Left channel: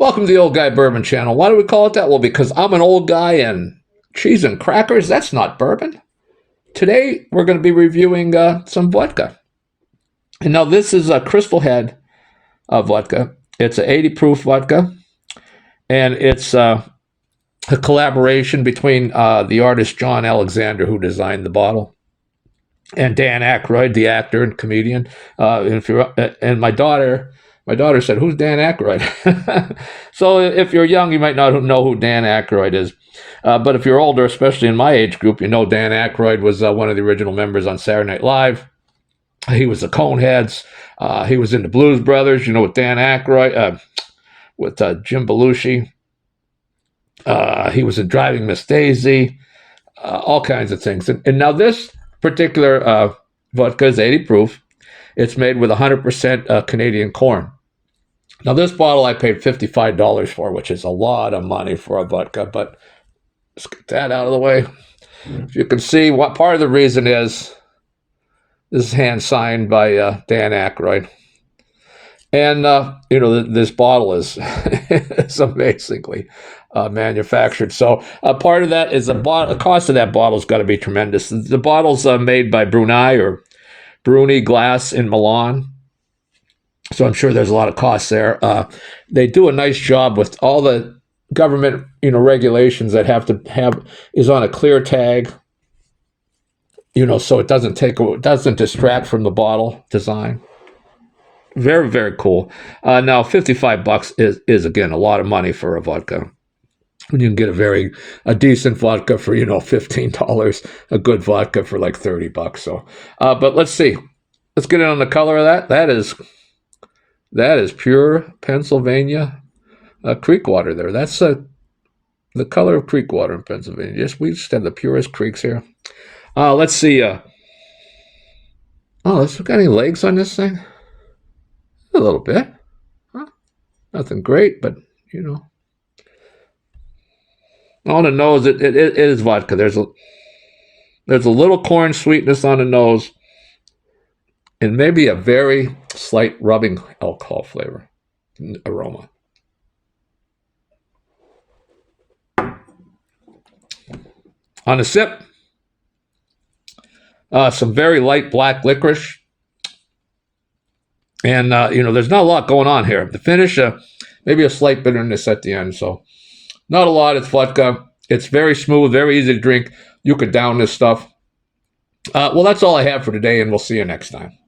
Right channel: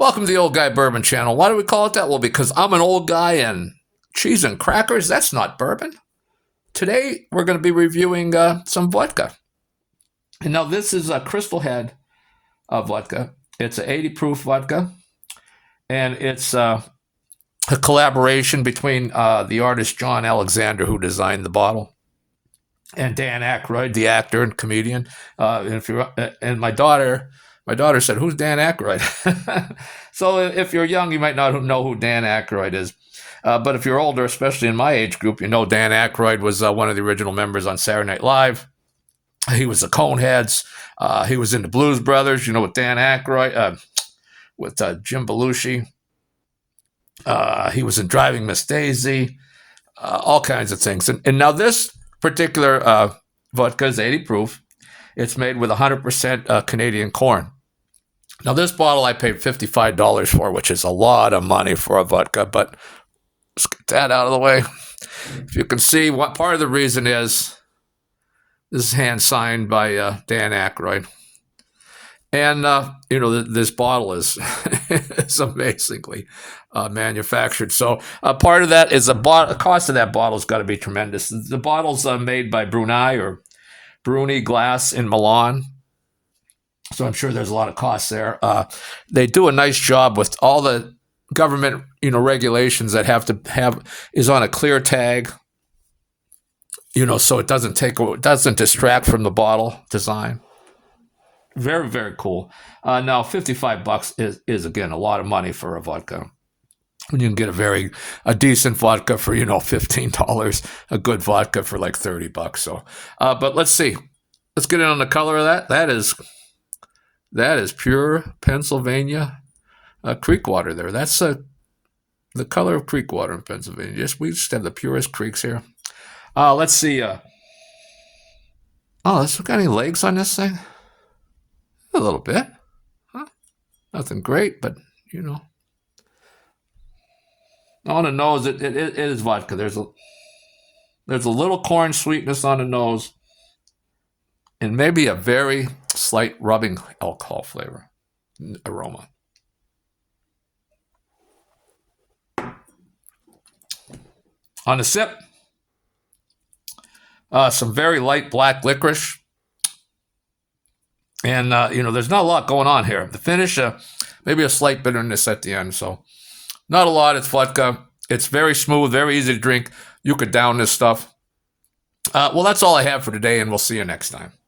Welcome to the Old Guy Bourbon Channel. Why do we call it that? Well, because I'm an old guy and cheese and crackers, that's not bourbon. Today, we're going to be reviewing some vodka. And now this is a Crystal Head vodka. It's an 80 proof vodka. And it's a collaboration between the artist John Alexander, who designed the bottle, and Dan Aykroyd, the actor and comedian. And my daughter said, "Who's Dan Aykroyd?" So if you're young, you might not know who Dan Aykroyd is. But if you're older, especially in my age group, you know Dan Aykroyd was one of the original members on Saturday Night Live. He was the Coneheads. He was in the Blues Brothers, with Dan Aykroyd, with Jim Belushi. He was in Driving Miss Daisy, all kinds of things. And now this particular vodka is 80 proof. It's made with 100% Canadian corn. Now, this bottle I paid $55 for, which is a lot of money for a vodka, but let's get that out of the way. If you can see, what part of the reason is this is hand-signed by Dan Aykroyd. And, this bottle is amazingly manufactured. So part of that is the cost of that bottle's got to be tremendous. The bottle's made by Bruni Glass in Milan. So I'm sure there's a lot of costs there. They do a nice job with all the government, regulations that is on a clear tag, so it doesn't distract from the bottle design. Very, very cool. Now, $55 is again a lot of money for a vodka. You can get a decent vodka for $15, a good vodka for like $30. So, but let's see. Let's get in on the color of that. That is pure Pennsylvania creek water there. That's the color of creek water in Pennsylvania. We just have the purest creeks here. Let's see. Let's look at any legs on this thing. A little bit. Huh? Nothing great, but on the nose, it is vodka. There's a little corn sweetness on the nose, and maybe a very slight rubbing alcohol flavor aroma. On the sip, some very light black licorice. And, there's not a lot going on here. The finish, maybe a slight bitterness at the end. So not a lot. It's vodka. It's very smooth, very easy to drink. You could down this stuff. Well, that's all I have for today, and we'll see you next time.